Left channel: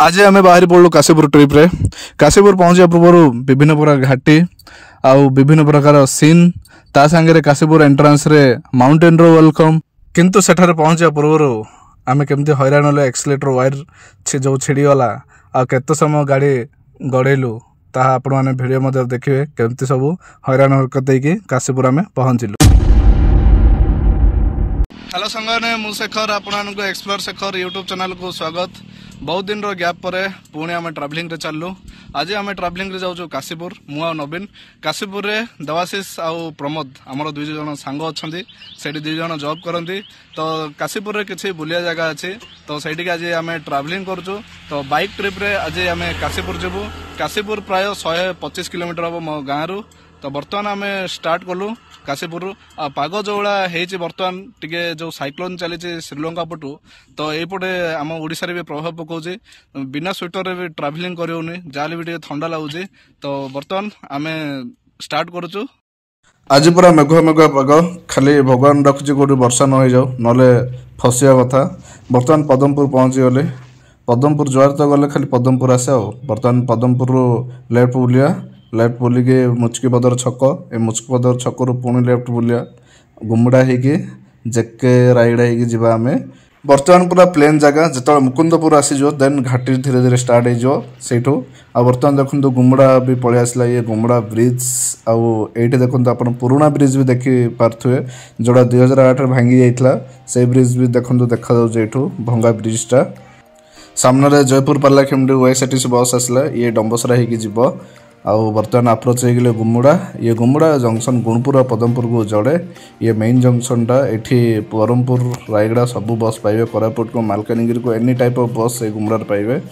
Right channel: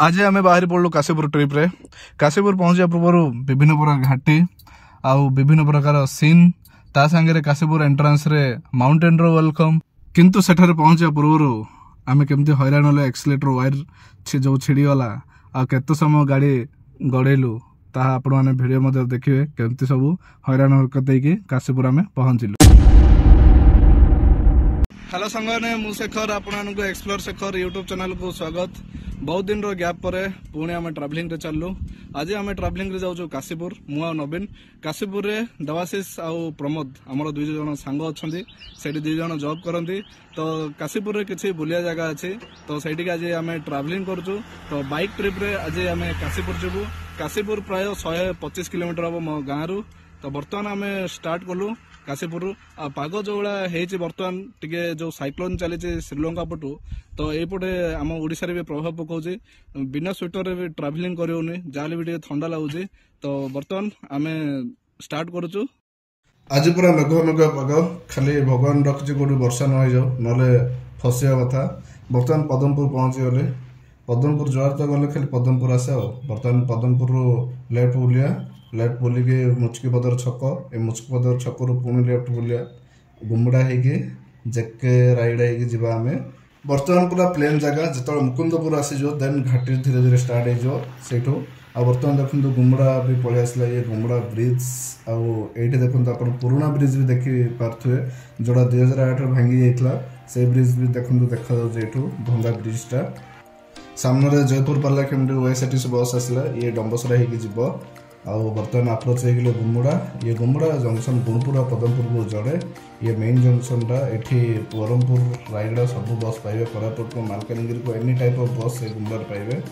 आज आम बाहरी पड़ू काशीपुर ट्रिप रे। काशीपुर पहुँचा पूर्व विभिन्न प्रकार घाटी आउ विभिन्न प्रकार सीन ता सांगे काशीपुर एंट्रांस रे माउंटेन रो वेलकम। किंतु सेठारे पहुँचा पूर्व आम केमती हैरान होले एक्सीलेटर वायर जो छिड़ीगला आ केते समय गाड़ी गड़ेलु ताहा आपण माने वीडियो मध्य देखिए केमती सब हैरान हरकत होगी काशीपुर आम पहुँचलु। हेलो संगने मु शेखर आपको एक्सप्लोर शेखर यूट्यूब चैनल को स्वागत। बहुत दिन रो गैप पर पुणी आम ट्रावेलिंग रे चललु। आज आम ट्रावेलिंग रे जाऊँ काशीपुर मु आ नवीन। काशीपुर रे देवाशीष आउ प्रमोद आमर दुई जन सांग अच्छा से दुई जन जॉब करती। तो काशीपुर रे किसी बुलिया जगह अच्छी तो सही आज आम ट्रावेलिंग करूँ। तो बाइक ट्रिप रे आज आम काशीपुर जीवु। काशीपुर प्राय 125 किलोमीटर हम मो गाँव रु। तो बर्तमान आम स्टार्ट कलु काशीपुर। पाग जो भाई बर्तमान टिके जो साइक्लोन चली श्रीलंका पटू तो यपटे आम ओडिशा रे भी प्रभाव पकाउछि। बिना स्वेटर भी ट्रावेलिंग करियोनी जाले भी टिके ठंडा लागुछि। तो बर्तमान आम स्टार्ट करूछु। आज पूरा मेघुआ मेघुआ पाग खाली भगवान रखुछि कोठी वर्षा न हो जाओ नले फसिया कथा। बर्तमान पदमपुर पहुंची गले। पदमपुर जुआर तो गले खाली पदमपुर आसे। बर्तमान पदमपुर लेफ्ट बुलिया लेफ्ट बुलिके मुचकी पदर छक ए मुचकी पदर छकरू पुणी लेफ्ट बुलिया गुमुड़ा होगी जेके रायड़ा हो आम। बर्तमान पूरा प्लेन जगह जो मुकुंदपुर आसीज देन घाटी धीरे धीरे स्टार्ट हो। आ बर्तमान देखो गुमुड़ा भी पलि आसला। ये गुमुड़ा ब्रिज आउ ये देखो आप पुराना ब्रिज भी देखी पारे जोड़ा 2008 भांगी जाइए से ब्रिज भी देखो देखा भंगा ब्रिजटा। सामने जयपुर पार्लाखेमुंडी ओएसआरटीसी बस आसला। ये डंबसरा हो आउ बर्तमान अप्रोच हो गुमुड़ा। ये गुमुड़ा जंक्शन गुणपुर पदमपुर को जोड़े। ये मेन जंक्शन टा एठी बरहमपुर रायगड़ा सब बस पाइबे। कोरापुट को मालकानगिरी को एनी टाइप ऑफ बस ये गुमुड़ा पाइबे।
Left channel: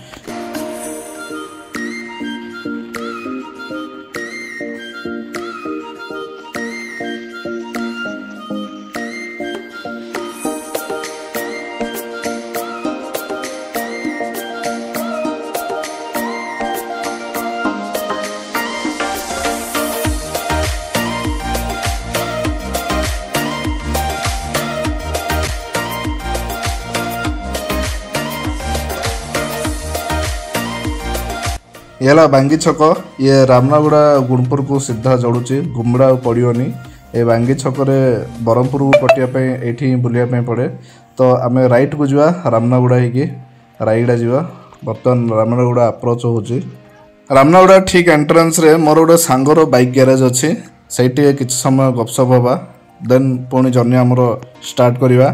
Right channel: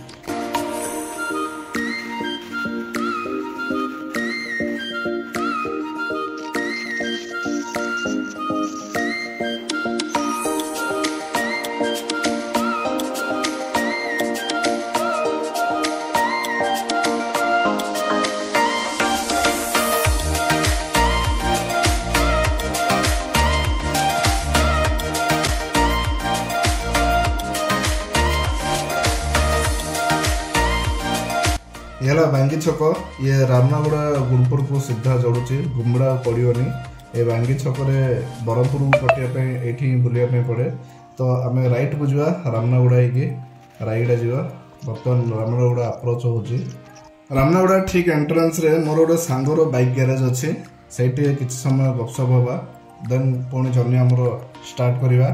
ये बांगी छक। ये रामनागुड़ा गुणपुर को सीधा जोड़ुची गुमुड़ा पड़ोनी। ये बांगी छक बरहमपुर को कटिया ये बुलाया पड़े। तो आम राइट को जा रामनागुड़ा हो रायगड़ा जा। बर्तमान रामनागुड़ा अप्रोच हो रामनागुड़ा ठीक एंट्रेंस रे मोर गोटे सांगर बाइक गैरेज अच्छी से किसी समय गपसप हवा देन पुणी जर्नी आमर स्टार्ट करवा।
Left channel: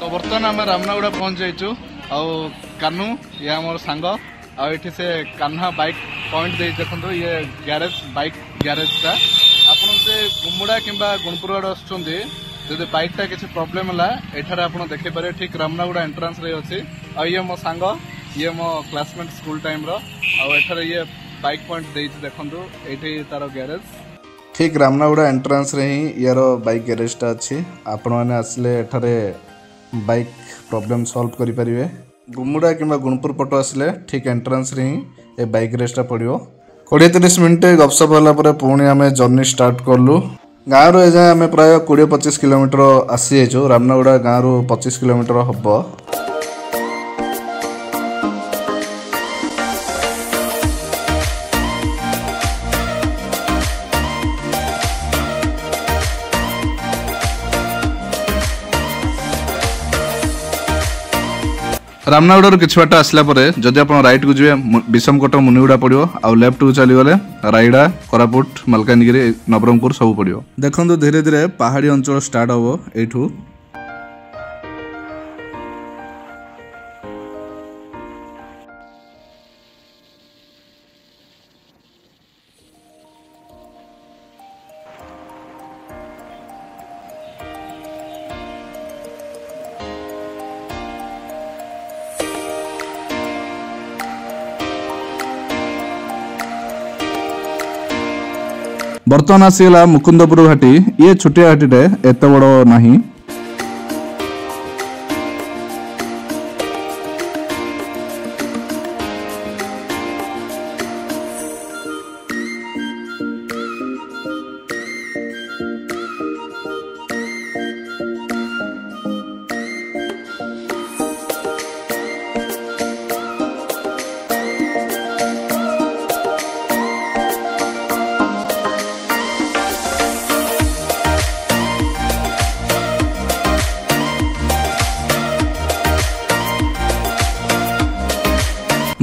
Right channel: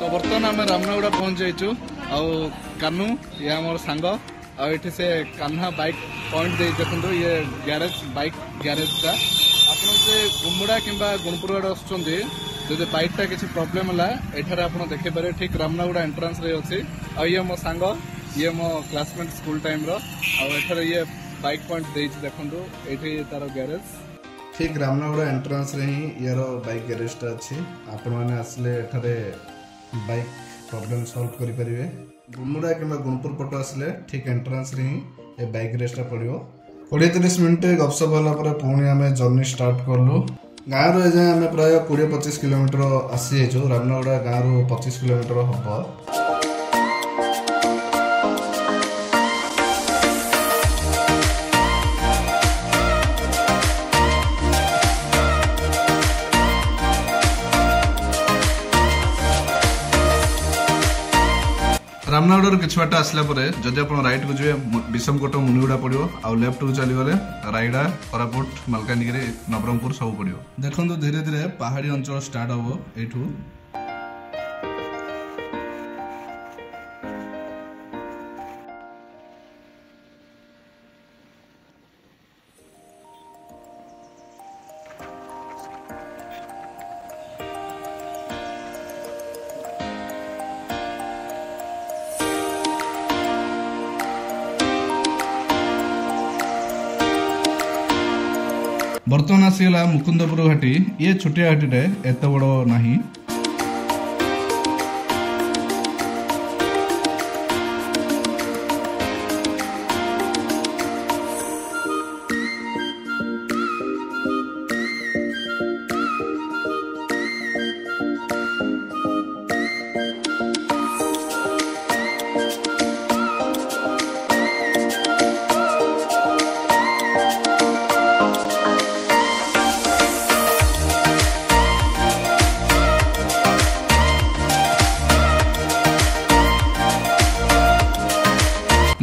तो बर्तमान आम रामनागुड़ा पहुंच जाइचु। आउ कानू ये आमर सांग आठी से कान्हा बाइक पॉइंट दे देखो ये गैरेज बाइक गैरेज टा आपन से गुमुड़ा किंबा गुणपुर आड़े आसुचंदी जदि बाइक टा किसी प्रॉब्लम है एठारे आपन देखि पारे ठीक रामनागुड़ा एंट्रेंस रे अछि। आ ये मो सांग ये मो क्लासमेट स्कूल टाइम रो आ एठारे ये बाइक पॉइंट दे देखंतु एठी तारो गैरेज ठीक रामनागुड़ा एंट्रेंस रे ही यार बाइक गैरेज टा अछि। आपन माने आसले एठारे बाइक प्रॉब्लम सॉल्व करि परिबे। गुमुड़ा किंबा गुणपुर पटो आसले ठीक एंट्रेंस रे ही ए बाइक रेस्टा पड़ो। 20-30 मिनट गपसप होला पुणी आम जर्नी स्टार्ट कलु। गाँव रू एजाए आम प्राय 20-25 किलोमीटर आसी जाइए। रामनागुड़ा गाँव रू 25 किलोमीटर हम। रामनागुड़ा किछ बाट आसला जदि आप राइट को जी विषमकटक मुनिगुड़ा पड़ो आउ लेफ्ट को चलीगले रायगड़ा कोरापुट मालकानगिरी नवरंगपुर सब पड़ो। देखो धीरे धीरे पहाड़ी अंचल स्टार्ट हम एठू। बर्तमान आसीगला मुकुंदपुर घाटी। ये छोटिया घाटी एत बड़ नहीं।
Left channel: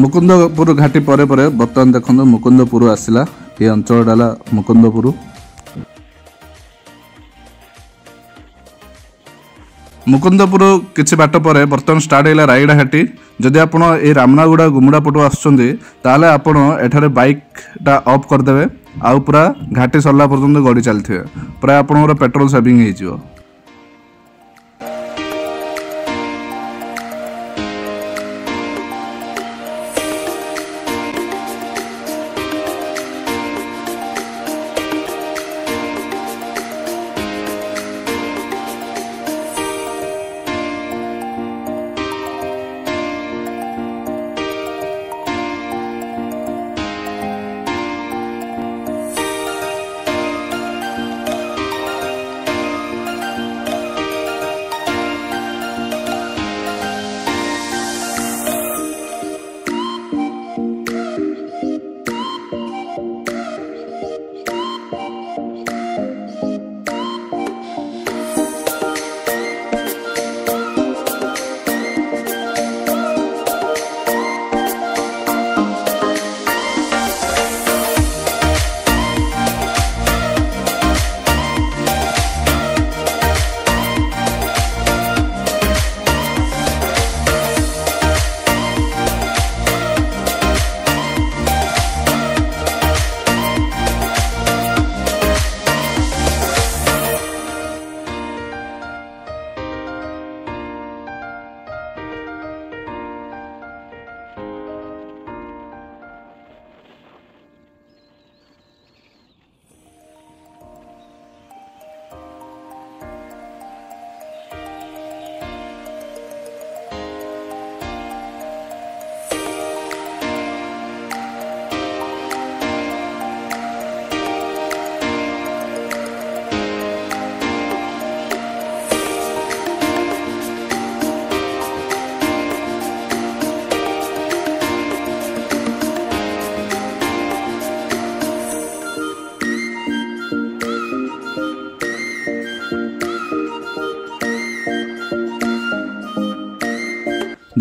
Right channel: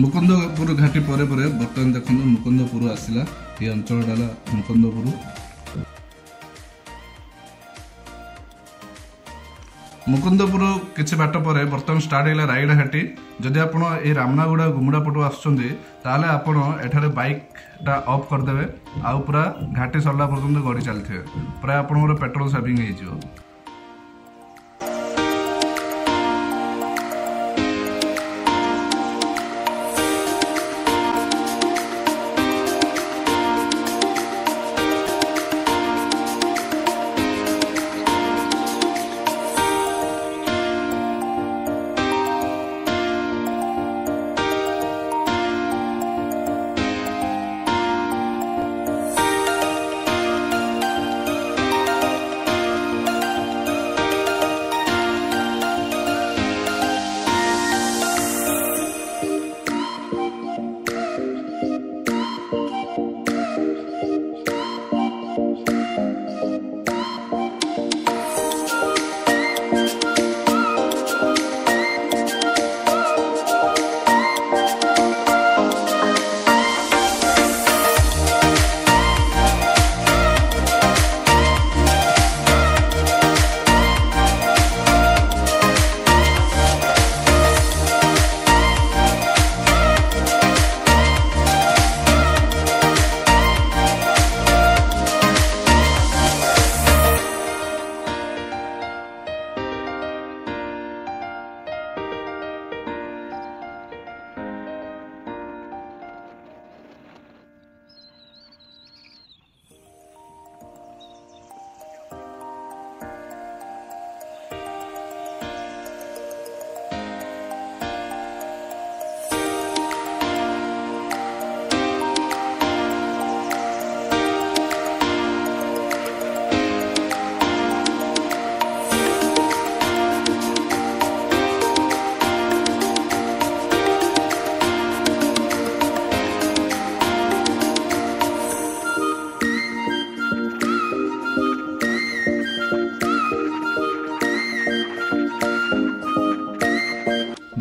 मुकुंदपुर घाटी परे परे बर्तमान देखो मुकुंदपुर आसला ये अंचल डाला मुकुंदपुर। मुकुंदपुर किसी बाट पर बर्तमान स्टार्ट है रायगड़ा घाटी। जदि आप रामनागुड़ा गुमुड़ा पटू आसले आपण एठारे बाइकटा ऑफ करदे आउ पूरा घाटी सरला पर्यंत गड़ी चलते प्राय आपंकर पेट्रोल सेविंग हो।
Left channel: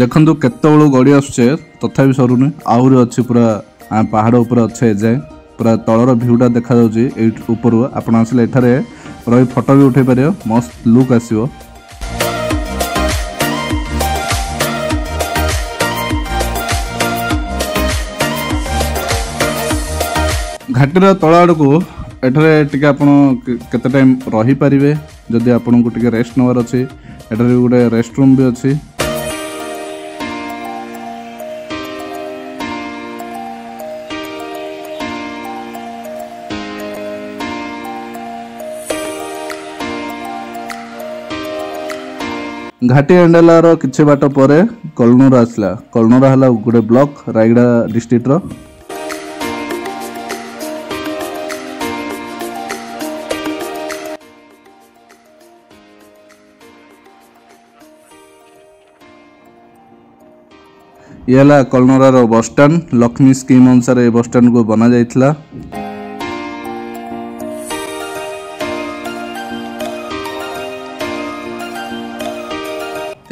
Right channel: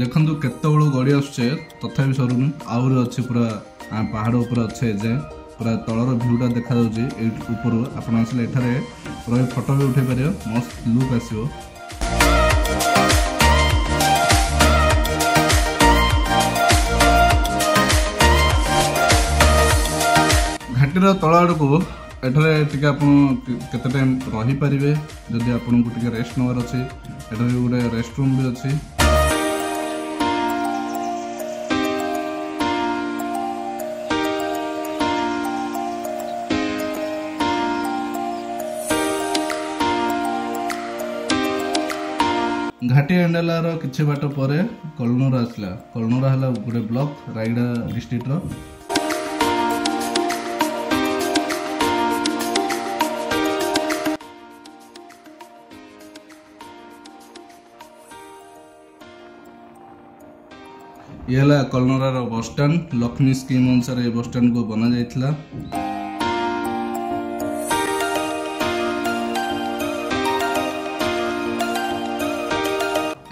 देखु केतु गड़ी आसुचे तथा सरुनी आहरी अच्छी पूरा पहाड़ उपर अच्छे जाए पूरा तलर भ्यूटा देखा ऊपर आपण आसले एठारे रही फोटो भी उठे पारे मस्त लुक आसो। घाटीर तल आड़ को एठारे टिके आपण केते टाइम रही पारिबे जदि आपन को टिके रेस्ट नवर अछि एठारे गोटे रेस्ट रूम भी अछि। घाटी एंडालार किछि बाट पर कलनूर आसला कलनूर हला गोटे ब्लॉक रायगड़ा डिस्ट्रिक्ट रो। ये कलनूर बस स्टैंड लक्ष्मी स्कीम अनुसार ये बस स्टैंड को बना जाइथिला।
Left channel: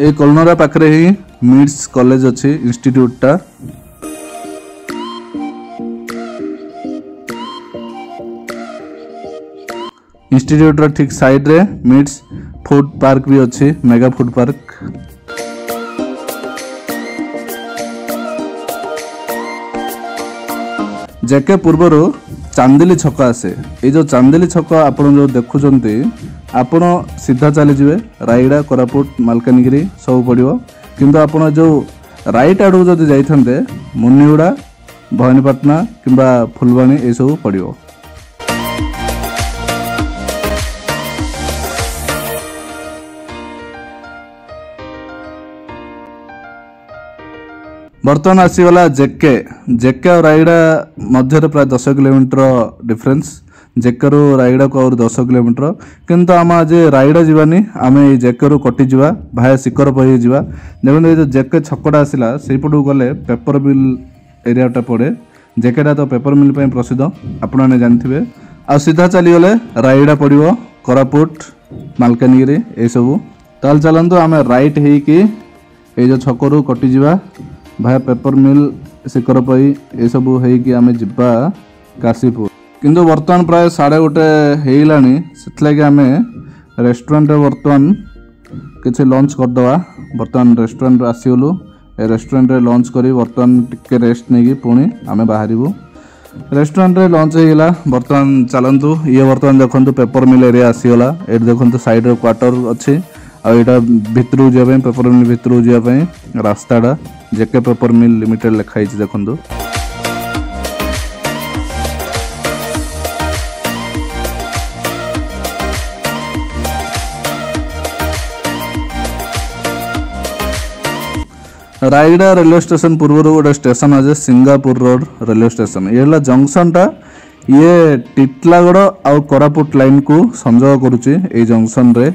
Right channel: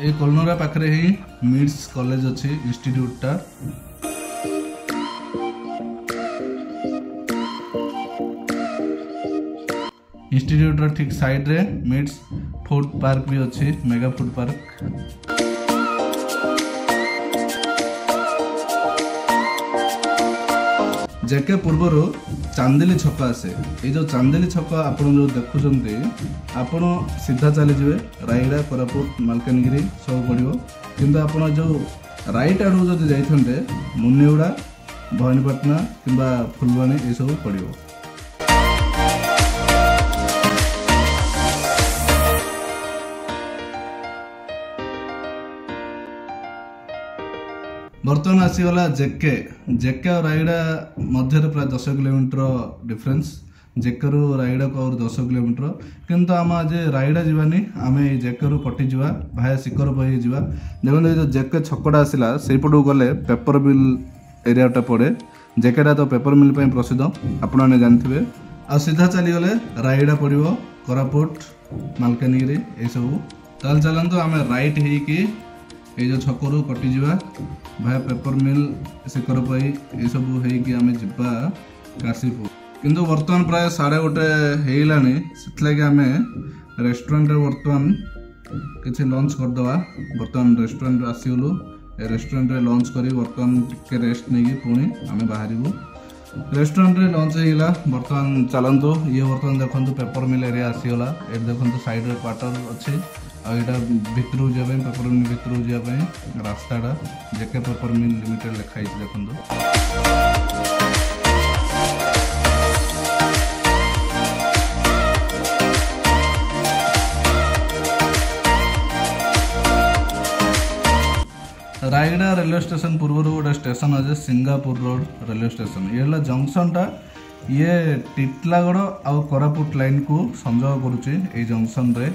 ए कलनोरा पाखरे ही मिड्स कॉलेज अच्छी इंस्टीट्यूटा इंस्टीट्यूट रो ठीक साइड रे मिड्स फूड पार्क भी अच्छी मेगा फूड पार्क। जेके पूर्वर चांदिली छक आसे ये जो चांदिली छक आप जो देखुंटे आपण सीधा चली जाए रायगड़ा कोरापुट मालकानगिरी सब पड़ो किंतु आपण जो राइट आड़ जब जाइए मुनिगुड़ा भवानीपाटना किंबा फुलबाणी ये सब पड़ो। बर्तमान आसीगला जेके जेके और रायगड़ा मध्य प्राय 10 किलोमीटर डिफरेंस जेके रु रायगड़ा को और 10 किलोमीटर किंतु आम आज रायगड़ा जीवानी आम जेके रु कटि जावा भाया सिकर पई जावा। देखो जो जेके छकटा आसला सेपटू गले पेपर मिल एरियाटा पड़े जेकेटा तो पेपर मिल पे प्रसिद्ध आपण मैंने जानते आ सीधा चली गले रायगड़ा पड़ो कोरापुट मालकानगिरी ये सब ताल चलतु आम राइट होगी ये जो छकरू कटिजा भाया पेपर मिल ଶିକରପଇ ଏସବୁ ହେଇକି ଆମେ ଯିବା କାଶୀପୁର। କିନ୍ତୁ ବର୍ତ୍ତମାନ ପ୍ରାୟ 1:30 ହେଇଗଲାଣି, ସେଥିଲାଗି ଆମେ ରେଷ୍ଟୁରାଣ୍ଟରେ ବର୍ତ୍ତମାନ କିଛି ଲଞ୍ଚ କରିଦେବା। ବର୍ତ୍ତମାନ ରେଷ୍ଟୁରାଣ୍ଟରୁ ଆସିଗଲୁ, ଏ ରେଷ୍ଟୁରାଣ୍ଟରେ ଲଞ୍ଚ କରି ବର୍ତ୍ତମାନ ଟିକେ ରେଷ୍ଟ ନେଇକି ପୁଣି ଆମେ ବାହାରିବୁ। ରେଷ୍ଟୁରାଣ୍ଟରେ ଲଞ୍ଚ ହେଇଗଲା। ବର୍ତ୍ତମାନ ଚାଲନ୍ତୁ, ଇଏ ବର୍ତ୍ତମାନ ଦେଖନ୍ତୁ ପେପର ମିଲ୍ ଏରିଆ ଆସିଗଲା। ଏଠି ଦେଖନ୍ତୁ ସାଇଡ଼ରେ କ୍ୱାର୍ଟର ଅଛି, ଆଉ ଏଇଟା ଭିତରକୁ ଯିବା ପାଇଁ, ପେପର ମିଲ୍ ଭିତରକୁ ଯିବା ପାଇଁ ରାସ୍ତାଟା ଜେକେ ପେପର ମିଲ୍ ଲିମିଟେଡ୍ ଲେଖା ହେଇଛି ଦେଖନ୍ତୁ। रायगड़ा रेलवे स्टेशन पूर्व गोटे स्टेशन अच्छे सिंगापुर रोड रेलवे स्टेशन। ये जंक्शन टा ये टिटलागड़ आउ कोरापुट लाइन को संजोग करुच्ची। ए जंक्शन रे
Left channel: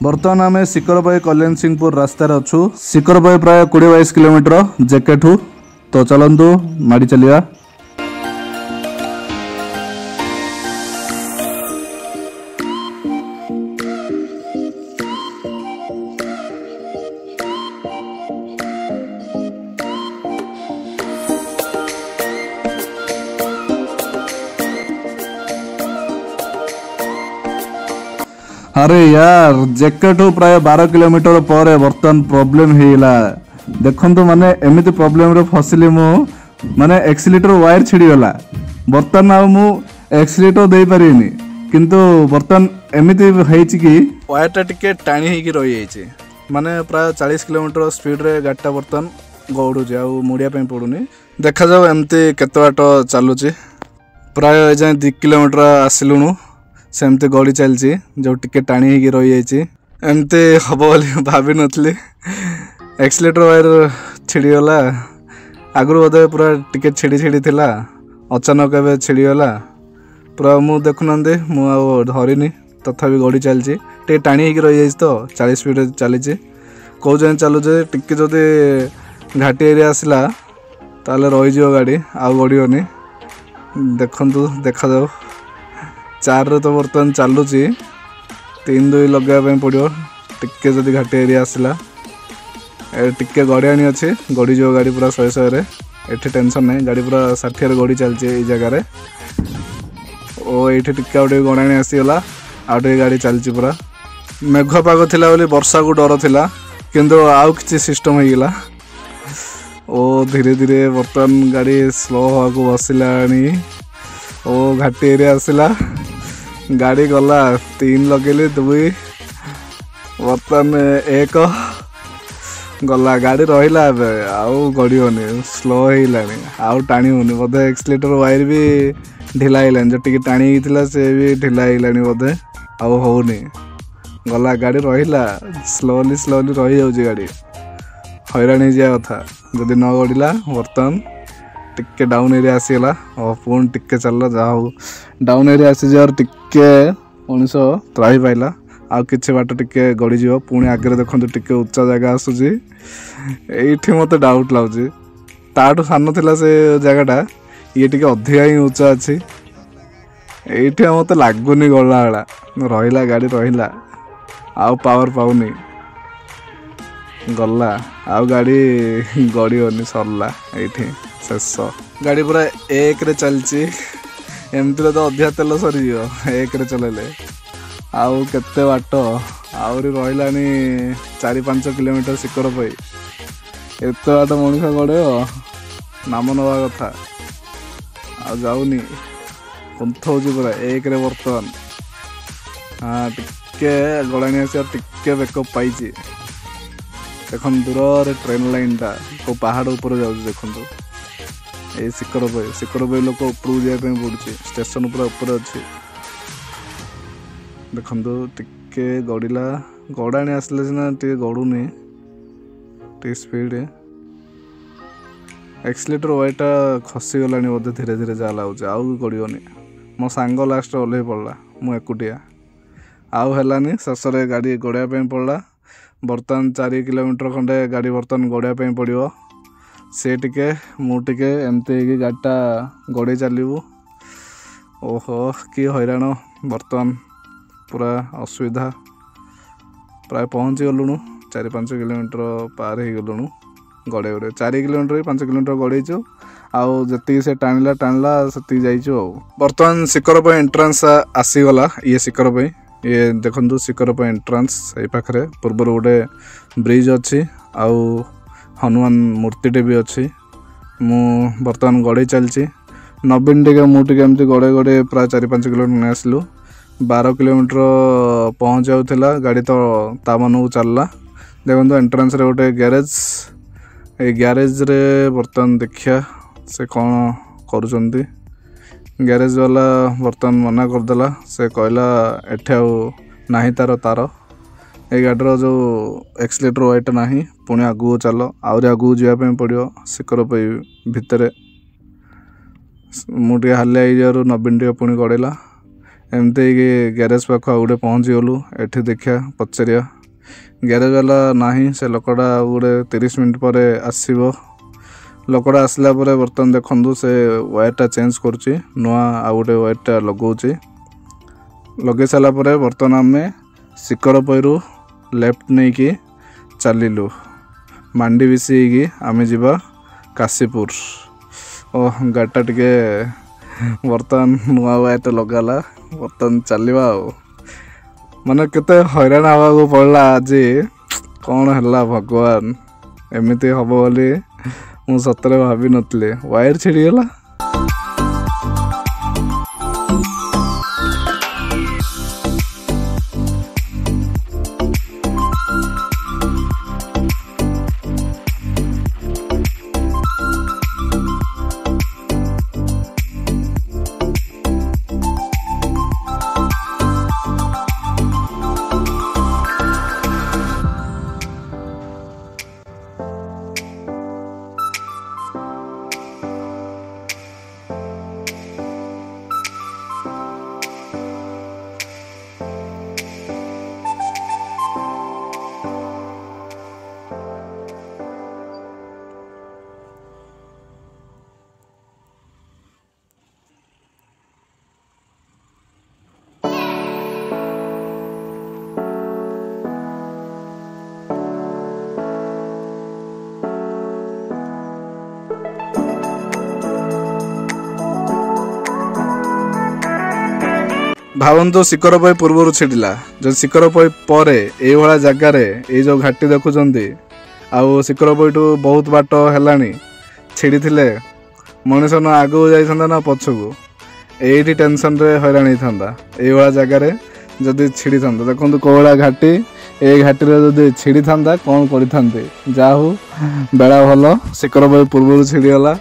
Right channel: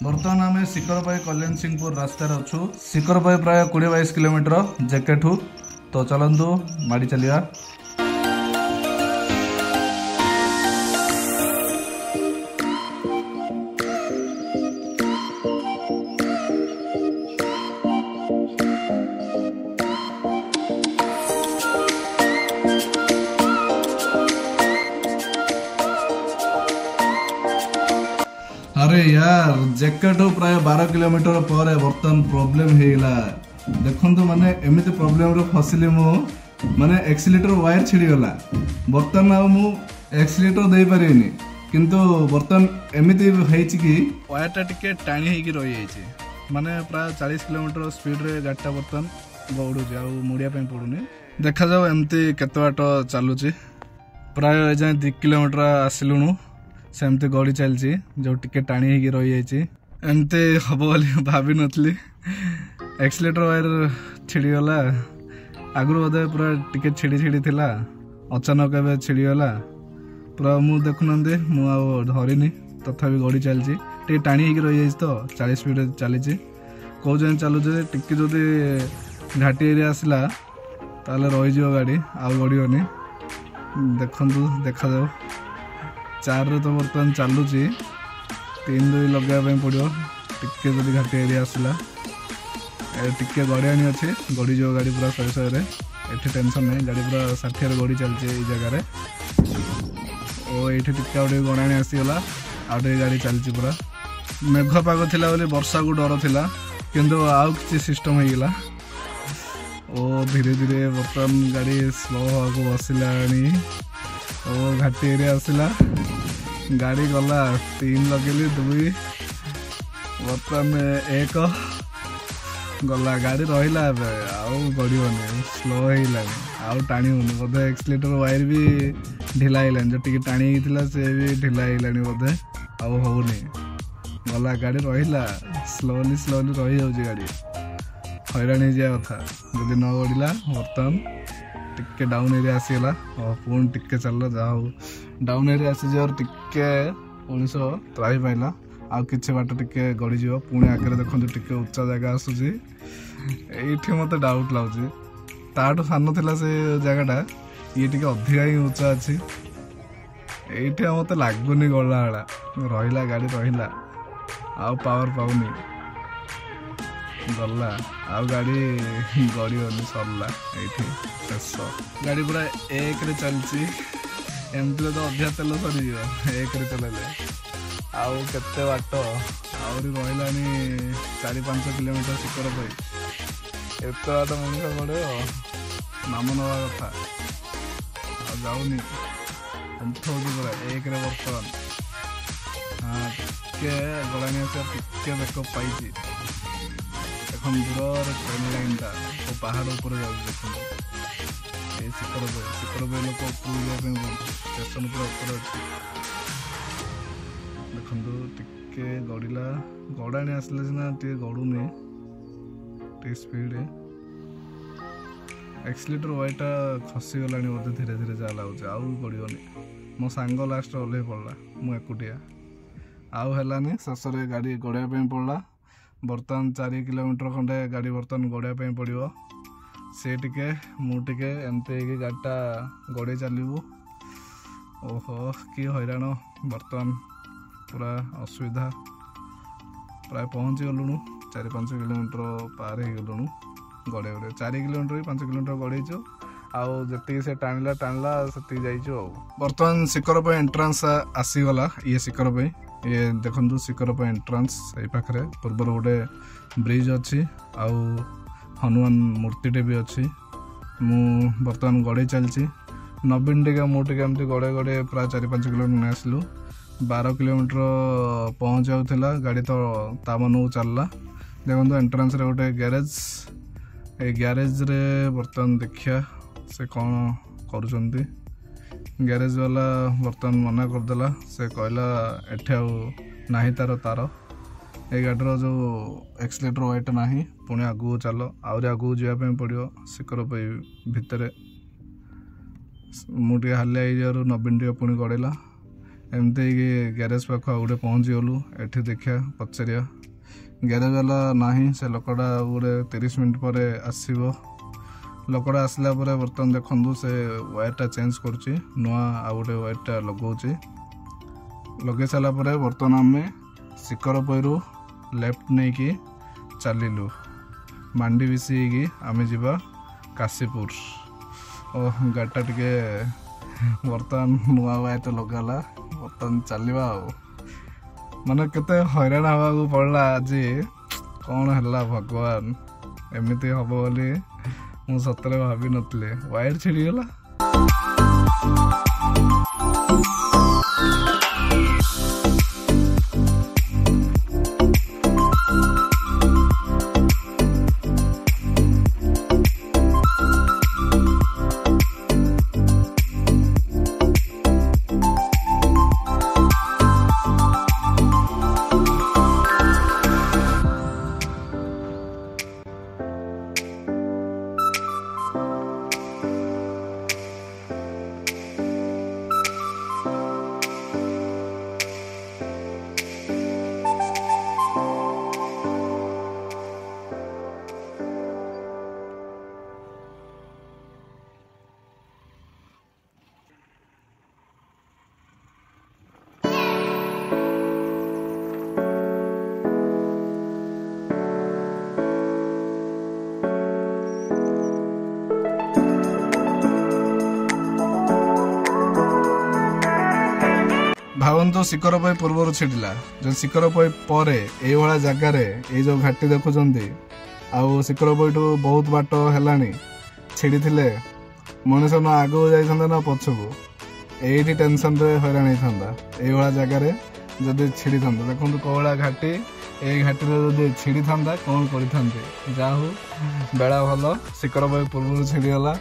बर्तमान आम शिकरपई कल्याण सिंहपुर रास्तार अच्छु। शिकरपई प्राय 20-22 किलोमीटर जेकेठू। तो चलतु माड़ी चलिया। अरे यार जेकेठू प्राय 12 किलोमीटर पर बर्तमान प्रॉब्लम होइला। देखंतु माने एमिति प्रॉब्लम रे फसिली मु, माने एक्सीलेटर वायर छिड़ीगला। बर्तमान आ मु एक्सीलेटर दे पारिनी, किंतु बर्तमान एमिति हेछि कि वायरटा टिके टाणी हेकि रहि जाइछि। माने प्राय 40 किलोमीटर स्पीड रे गाडीटा बर्तमान गौडु जे आ मुड़िया पे पडुनी। देखा जाऊ एमती केते बाट चालुछि। प्राय एजाय 2 किलोमीटर आसिलुनु, सेमती गड़ी चलती जो टिके टाणी ही रही जाइए। एमती हम बोली भाभी नी। Accelerator wire छिड़ीगला। आगु बोधे पूरा टिके छिड़ी छिड़ी थिला, अचानक एवं छिड़ीगला पूरा। मु देखुना धरनी, तथापि गड़ी चलती टे टाणी ही रही जाइए। तो 40 स्पीड चली कौ जाए चलुचे। टिके जदि घाटी एरिया आसला ताले रही गाड़ी, आउ गड़नी। देखु देखा जाऊ 4 रे तो बर्तमान चलुची। 3-2 लगे पड़ो। टिके जदि घाटी एरिया आसला टिके गड़ियाणी अच्छी, गड़ी जो गाड़ी पूरा 100 रे। एठी टेंशन नहीं, गाड़ी पूरा 60 रे गड़ी चलती ये जगार। ओ ये टिके आउटे गड़ाणी आसीगला, आउटे गाड़ी चलती पूरा। मेघ पाग थिला बोली वर्षा को डर थिला, किंतु आउ किछि सिस्टम होइगला। ओ धीरे धीरे बर्तमान गाड़ी स्लो हवा को बसिलानी। ओ घाटी एरिया आसला, गाड़ी गला 3 लगेली 2 बर्तमान 1 गला। गाड़ी रहिला आउ गड़ियोनी, स्लो होइलानी, आउ टाणी होनी बोधे। एक्सीलेटर वायर भी ढिला होइलानी, जो टिके टाणी हिला से भी ढिला होइलानी बोधे, आउ होनी गला। गाड़ी रहिला स्लोली स्लोली रही जाउची गाड़ी, हैरान हो जाए कथा जदि न गड़िला। बर्तमान टिके डाउन एरिया आसीगला और पुणी टिके चलला। जहाँ डाउन एरिया आसी जा टिके मनीष त्राही पाइला। आउ किछि बाट टिके गड़ी जीव। पुणी आगे देखो टिके उच्चा जगह आसुची। एठी मते डाउट लाଗୁଛି, ताठू सान थिला से जगहटा, ये टिके अधिका ही उच्चा अच्छी। एठी मते लागुनी गला वाला रहिला, गाड़ी रहिला आउ पावर पाउनी गला। आउ गाड़ी गड़ियोनी, सरला एठी शेष। गाड़ी पूरा 1 रे चलची। एमती तो अधिका तेल सरी 1 रे चलेले। आउ केते बाट आहरी रहिलानी 4-5 किलोमीटर शिकरपई। एत बाट मनीष गड़े नाम नवा कथा, आ जाऊनी पंथ हो पूरा 1 रे बर्तमान। हाँ टिके गड़ाणी आस टिके बेकअप पाई। देख दूर ट्रेन लाइन टा को पहाड़ ऊपर जाऊँ। देखो ये शिकरपई लोक उपरू जावाई पड़ुଛି। स्टेशन पूरा ऊपर अच्छी। देखो टिके गड़िला, गड़ाणी आसले सीना टे गड़ुनी टे स्पीड। एक्सीलेटर वायरटा खसीगलानी बोधे, धीरे धीरे जा लगुच, आउ गड़ियोनी। मो सांग लास्ट ओल्हे पड़ा मु एकुटिया आउ हेलानी शेष गाड़ी गड़ाई पड़ा बर्तमान 4 किलोमीटर खंडे गाड़ी बर्तमान गड़ाई पड़ो से टिके मुझे एमती गाड़ीटा गड़े चलू ओहो कि हैरान बर्तमान पूरा असुविधा प्राय पहुँची गलुणु 4-5 किलोमीटर पार हो गलुणु गड़े गड़े 4 किलोमीटर 5 किलोमीटर गड़ेचु आउ जी से टाणला से जाइचु बर्तमान शिखर एंट्रांस आसीगला ये शिखर ये देखु शिखर एंट्रांस ये पाखे पूर्व गोटे ब्रिज अच्छी आउ हनुमान मूर्तिटे भी अच्छी मु बर्तमान गड़े चलची नवीन टे मुझे एमती गड़े गड़े प्राय 4-5 किलोमीटर आसलु 12 किलोमीटर पहुँच जाऊला गाड़ी तो ता मन को चलला देखो एंट्रांस रे गोटे ग्यारेज ये ग्यारेज रे बर्तमान देखिया से कौन करुँच ग्यारेज वाला बर्तमान मना करदेला से कहला एठे ना तार तार ये गाड़ीर जो एक्सीलेटर वाइट ना पुणी आगू चल आहरी आगू जावाई पड़ो शिखर भितर मुझे हालिया हो नवीन टे पुणी गड़ेला एमती ग्यारेज पाख गोटे पहुँची गलु एठी देखिया पचारिया ग्यारेज वाला ना से लोकटा गोटे 30 मिनट पर आसब लोकटा आसला बर्तमान देखु से वायरटा चेंज करुच्ची नुआ आउ गोटे वायरटा लगौची लगे सारापर बर्तमान आम शिखर पैरू लेफ्ट नहीं कि चलू मांडी बिसी आम जा काशीपुर ओ गाड़ीटा टिके बर्तमान नुआ वायरटा लगाला बर्तमान चलवा माने केते हैरान हवा पड़ला आज कौन है भगवान एमती हम बोली मु सतरे भाभी नथले वायर छिड़ीगला भावନ୍ତୁ शिखर पई पूर्व छिड़ला जो शिखर पई परे ए वाला जगह रे ए जो घाटी देखुचंदी आउ शिखर पईटू बहुत बाट हेलानी छिड़ी थिले मनुष्य न आगो जाइथंदा ना पछकू एठी टेंशन रे हैरान होइथंदा ए वाला जगह रे जदी छिड़ी थांदा देखंतु कोळा घाटी ए घाटी रे जदी छिड़ी थांदा कोन करिथांते जाहू बेला भलो शिखर पई पूर्व छिड़ी गला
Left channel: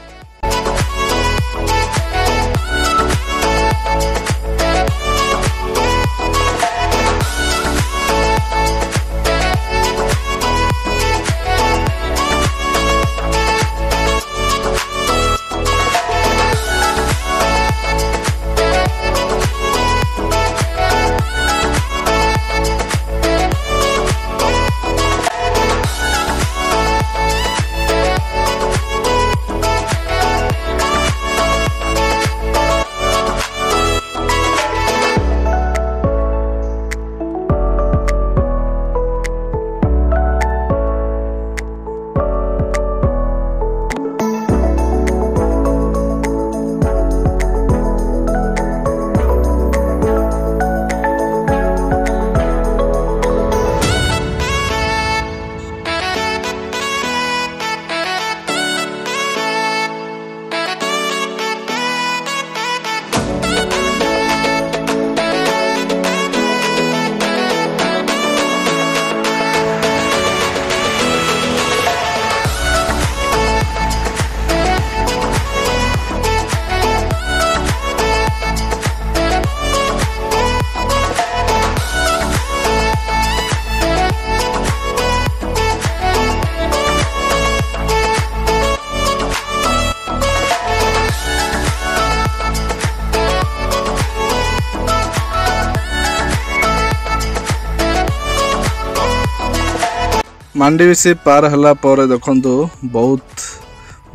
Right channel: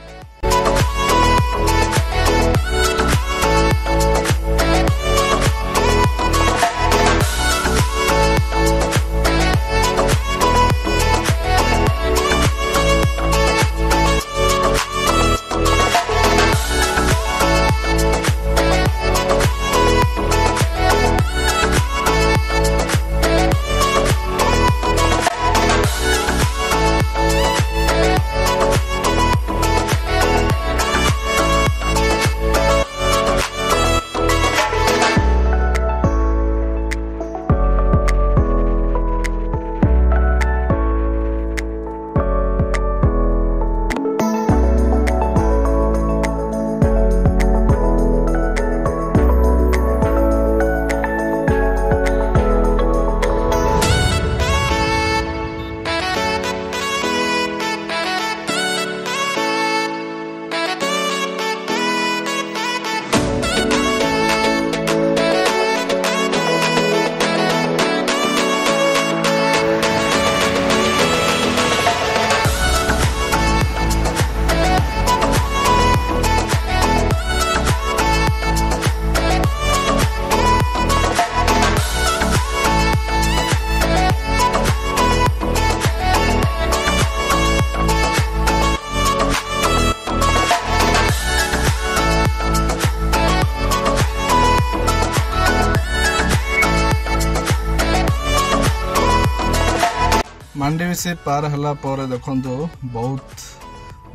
मांडीविसी पार हला पर देखंतु बहुत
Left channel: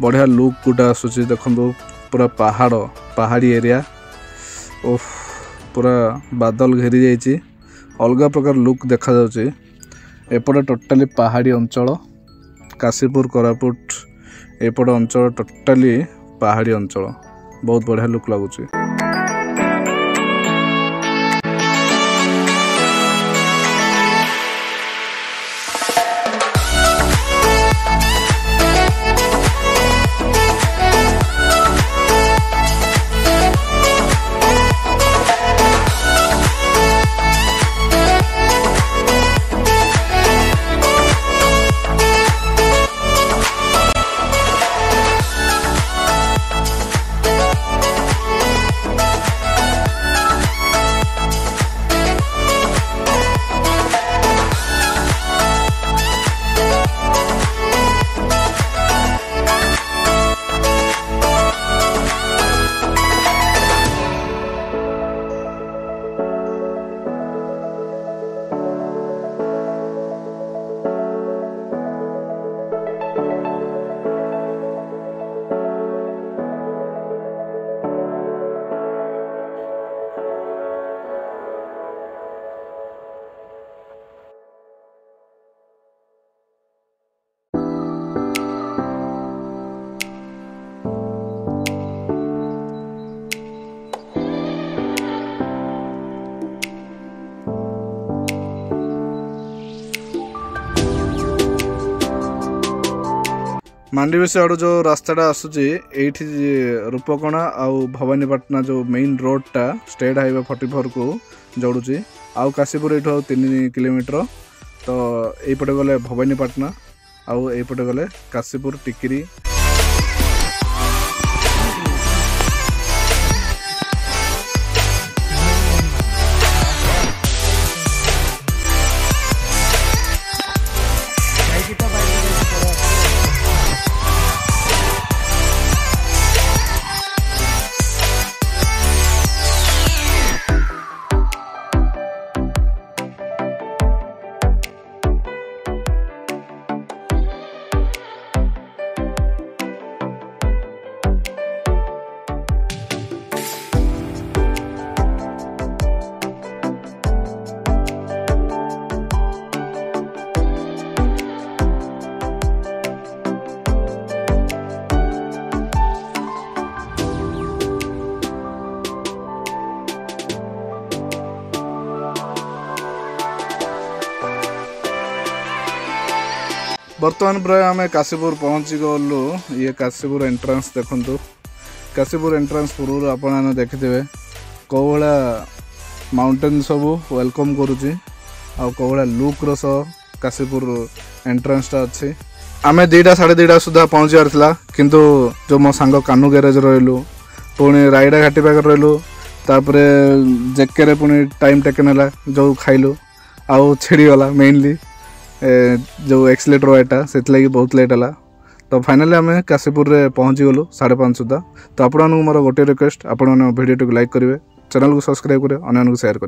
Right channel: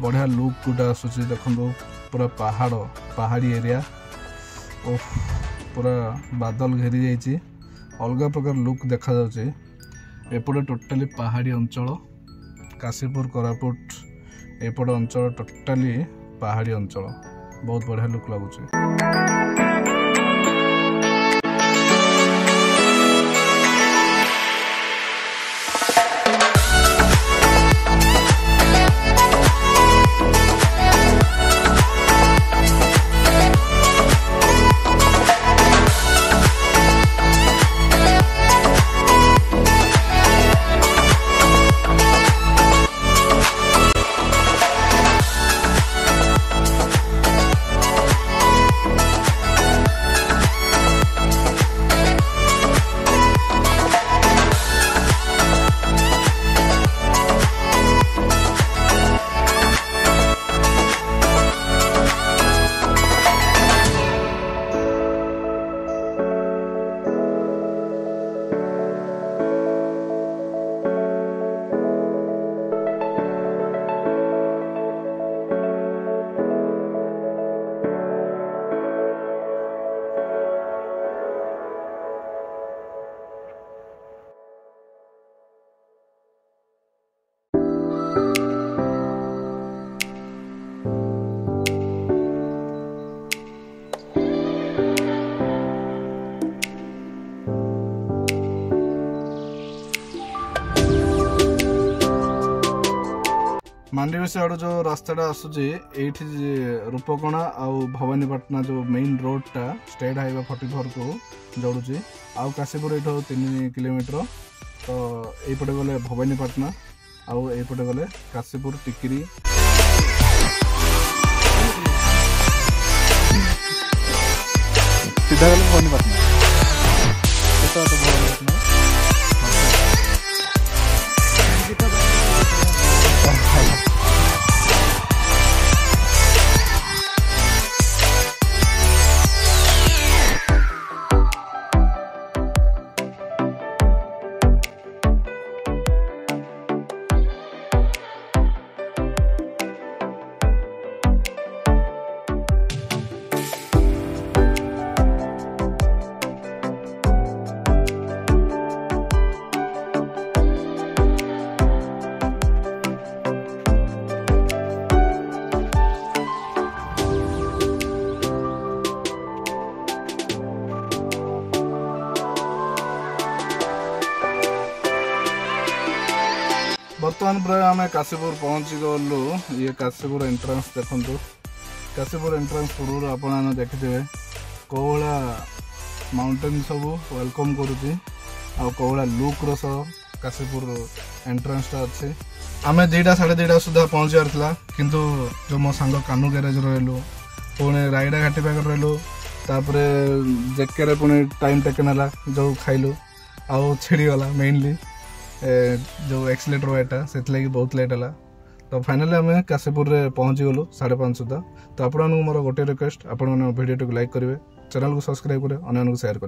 बढ़िया लुक गुटा आसुची देखंतु पूरा पहाड़ी एरिया ओह पूरा बादल घेरी जाइए अलग प्रकार लुक देखा जाउची एपटे टोटाली पहाड़ी अंचल काशीपुर कोरापुट एपटे अंचल टोटाली पहाड़ी अंचल बहुत बढ़िया लुक लगुची। मांडीविसी आड़ जो रास्ता आसूची एठी रूपकणा आउ भवानीपाटना जो मेन रोडटा स्टेट हाईवे 44 को जोड़ुची आउ काशीपुर एठो 3 किलोमीटर तो एपटे गले भवानीपाटना आउ एपटे गले काशीपुर टिकिरी। बर्तमान प्राय आम काशीपुर पहुँची गलु ये काशीपुर एंट्रांस देखु काशीपुर एंट्रांस पूर्व आपने देखिथे कौ भाया माउंटेन सब वेलकम करुच्ची आउ कौ भाया लुक रस काशीपुर एंट्रांसटा अच्छी आम 2टा 2:30 सुधा पहुँची बार किंतु जो मो सांग कानू गैरेज रही पुणी रायडा घाटी पाखे रही तापर जेके पुणी टाइम टेकन है जो खाइलु आउ छिड़गला मेनली जो एक्सीलेटर वाइटा से बहुत लेट है तो फाइनली आम काशीपुर रे पहुँची गलु 5:30 सुधा तो आपको मोर गोटे रिक्वेस्ट आपड़ भिडियो लाइक करेंगे चैनल को सब्सक्राइब करेंगे अन्य को शेयर करेंगे।